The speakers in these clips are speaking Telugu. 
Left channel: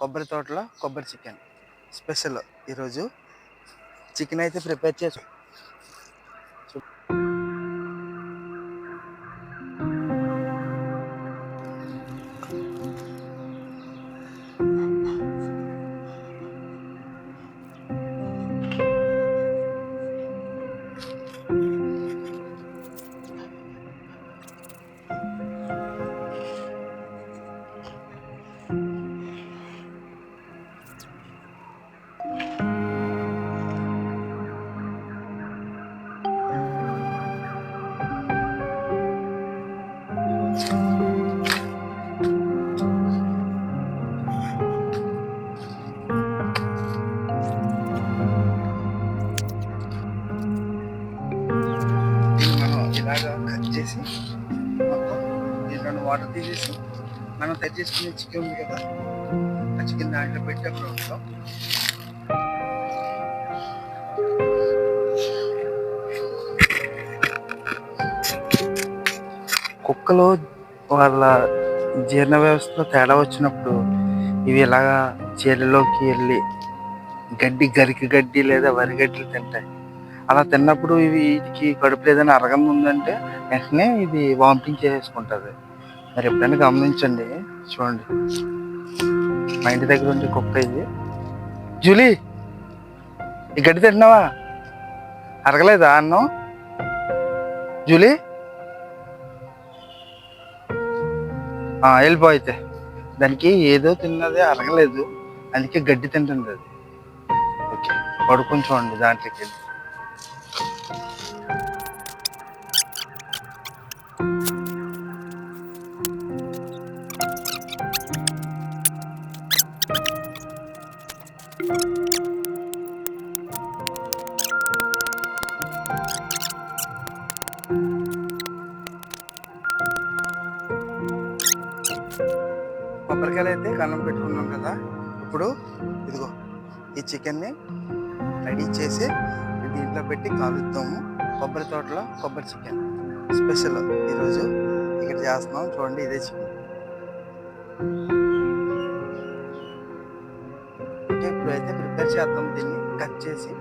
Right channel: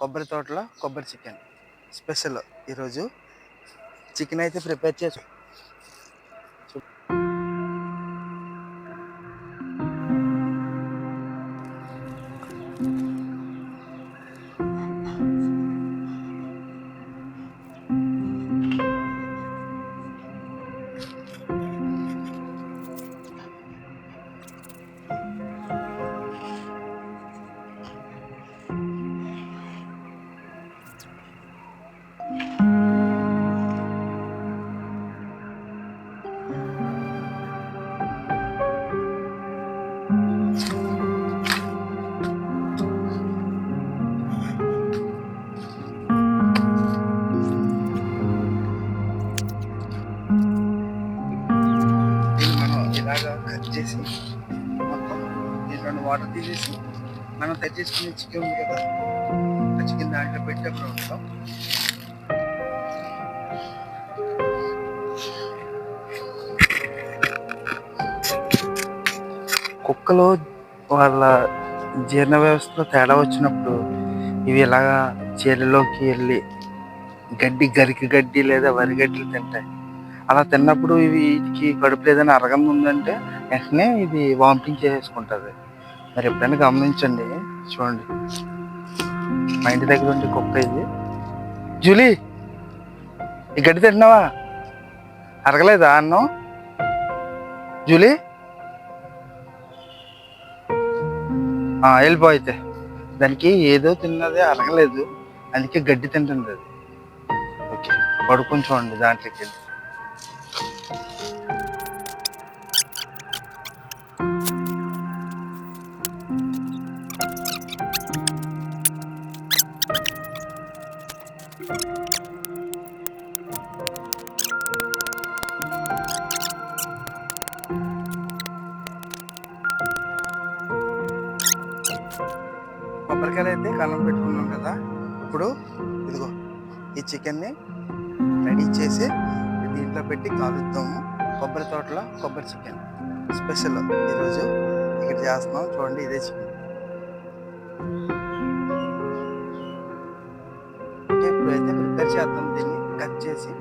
కొబ్బరి తోటలో కొబ్బరి చికెన్ స్పెషల్. ఈరోజు చికెన్ అయితే ప్రిపేర్ చేసి ఇలాగా కట్ చేసి మొత్తం దీంట్లో వాటర్ తీసేసి మనం కట్ చేసుకునే చికెన్ ఉంది కదా, ఆ చికెన్ దాంట్లో పెట్టేప్పుడు ఉంటాం. కుక్కలు వాళ్ళ జీర్ణ వ్యవస్థలో తేడా వచ్చినప్పుడు ఇవి ఇలాగా చీరలోకి వెళ్ళి గరికి గడ్డి లేదా వరి గడ్డలు తింటాయి. అలా తిన్నప్పుడు వీటికి కడుపు ఏదైనా అరగం ఉందంటే వెంటనే ఇది వామిటింగ్ చేసేసుకుంటుంది. మరి ఎప్పుడైనా గమనించండి. చూడండి, మా ఇంటి దగ్గర ఉండే కుక్క ఇది. జూలీ, ఈ గడ్డి తింటున్నావా? అరగలేదా అన్నం? జూలీ వెళ్ళిపో. అయితే దానికి ఏదో తిన్నదే అరగలేదు, అందుకే గడ్డి తింటుంది అది. ఓకే, పడుకొని చూడండి దాంట్లోకి వెళ్ళి. కొబ్బరికాయలు అయితే కన్నం పెట్టుకున్నాం కదా. ఇప్పుడు ఇదిగో ఈ చికెన్ని రెడీ చేసి దీంట్లో పెట్టి కాలుద్దాము. కొబ్బరి తోటలో కొబ్బరి చికెన్ స్పెషల్ ఈరోజు ఇక్కడ చేస్తున్నాం. చూడండి, ఇదే చికెన్. ఓకే, ఇప్పుడు అయితే ప్రిపేర్ చేద్దాం. దీన్ని కట్ చేసి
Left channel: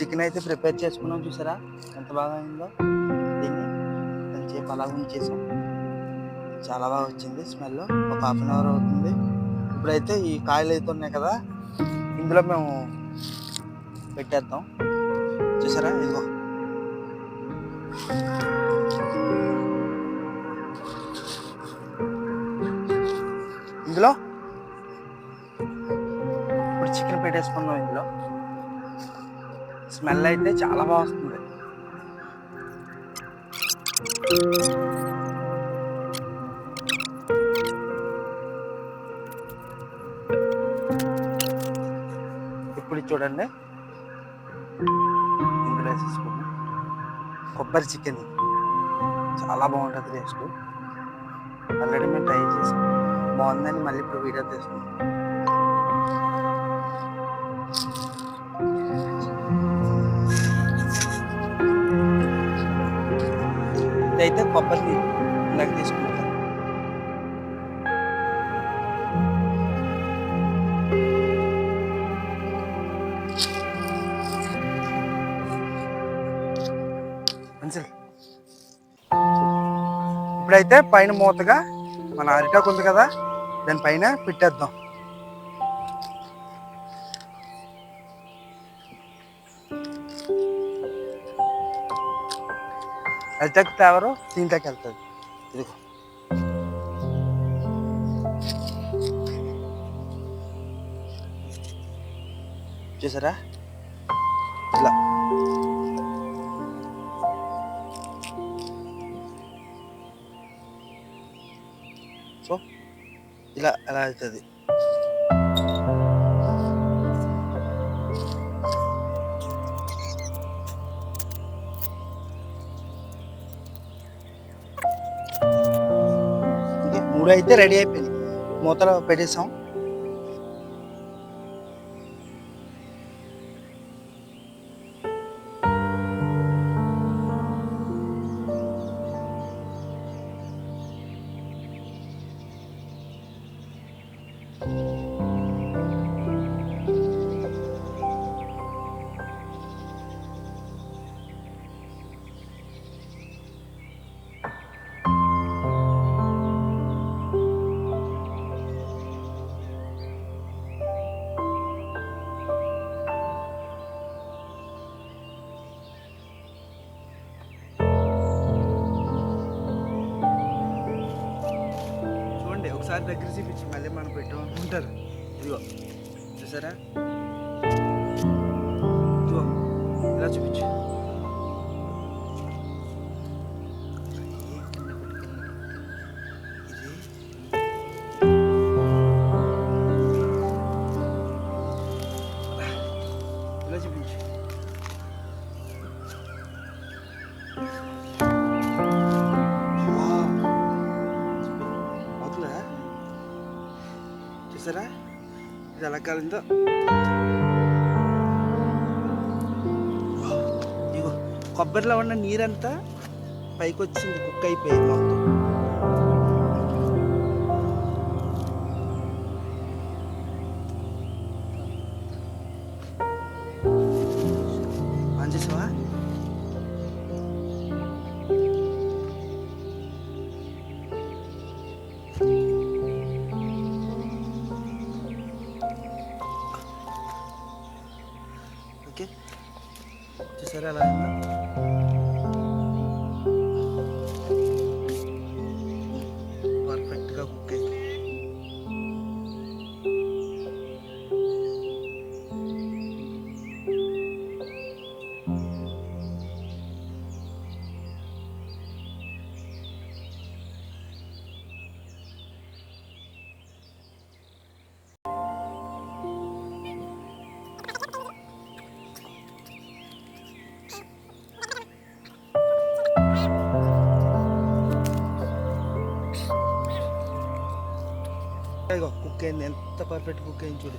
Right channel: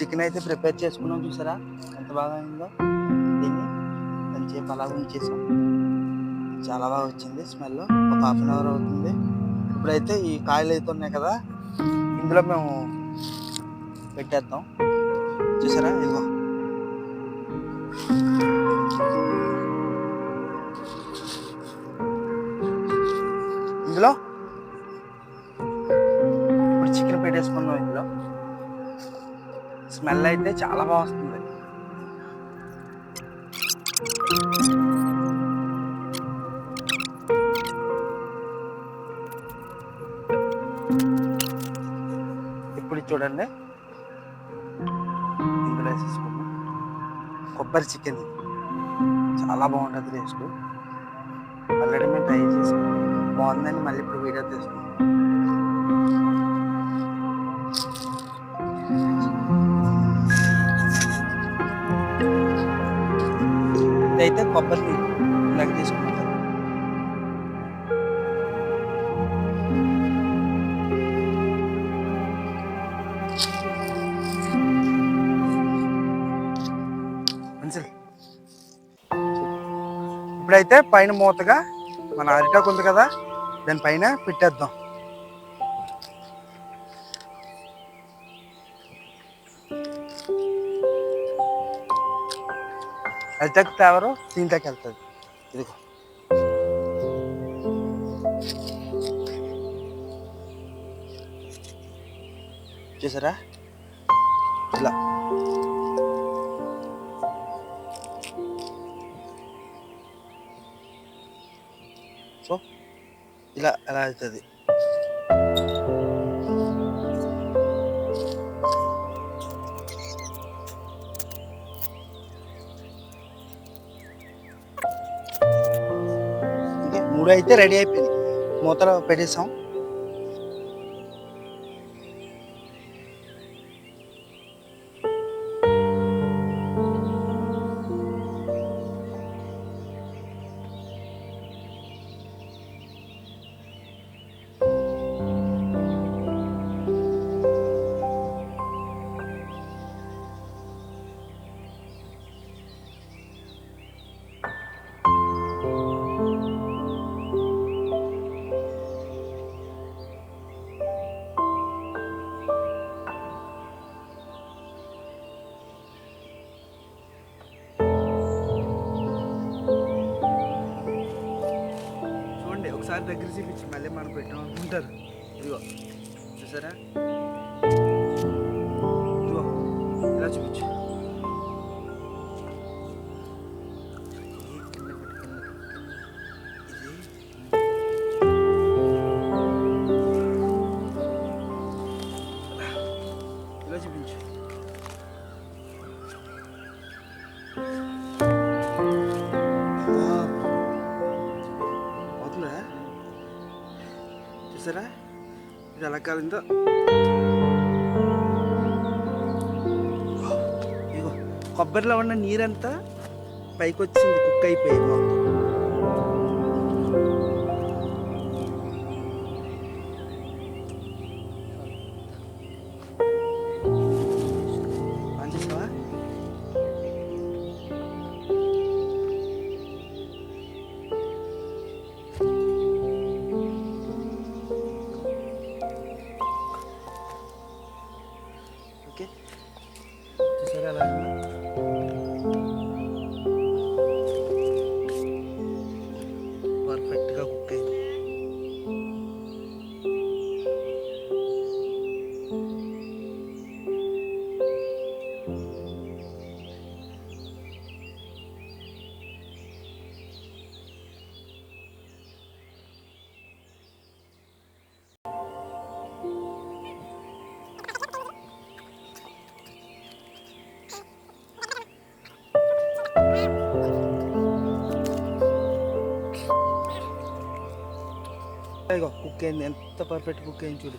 చికెన్ అయితే ప్రిపేర్ చేసుకున్నాం. చూసారా ఎంత బాగా అయిందో. దీన్ని కొంచెంసేపు అలా ఉంచేసాం. చాలా బాగా వచ్చింది స్మెల్. ఒక హాఫ్ అన్ అవర్ అవుతుంది. ఇప్పుడైతే ఈ కాయలు అయితే ఉన్నాయి కదా, ఇందులో మేము పెట్టేద్దాం. చూసారా, ఇదిగో ఇందులో ఇప్పుడు చికెన్ పెట్టేసుకుందాం. ఇందులో స్మెల్ అయితే చాలా బాగా వస్తుంది. ఇప్పుడు చూడండి, ఇందులో వేసేసుకున్నాం కొబ్బరి చికెన్. చాలా బాగుంటుంది టేస్ట్. ఆల్రెడీ మేము ట్రై చేసాం, బాగుందని మళ్ళీ ఇప్పుడు వీడియో తీసుకున్నాం. ఇదైతే కొబ్బరి నీళ్ళు ఇందాక తీసుకున్నాం కదా. ఇప్పుడైతే పైన మూతగా మన అరిటాకు ఉంది కదా, దానిపైన పెట్టేద్దాం. అరిటాకు ఫ్లేవరు దీంట్లోకి వెళ్తుంది. ఇదిగో చూసారా, ఇలా సో ఇలా ఎలా అవుతుంది. 3 అయితే రెడీ అయిపోయింది, మూతలో పెట్టేసాం. ఒకసారి దగ్గర చూపించి మళ్ళీ మనం పెట్టాం అనుకుంటారు. ఇదిగో చూసారా, ఇదిగో ఇలా చూపించు. ఇలా చూపించు. చూసారా ఇది ఎలా కాలిందో. ఇగో కొబ్బరిలో ఉన్న నీరంతా పైకి వచ్చింది, కుక్ అయిపోయింది మొత్తం. ఆన్ చేసావా? ఓకే, చూసారా ఎలా అయిందో. పర్ఫెక్ట్గా కుక్ అయింది. ఇదిగో కుక్ అయింది, ఎంత పర్ఫెక్ట్ కుక్ అయింది చూడు.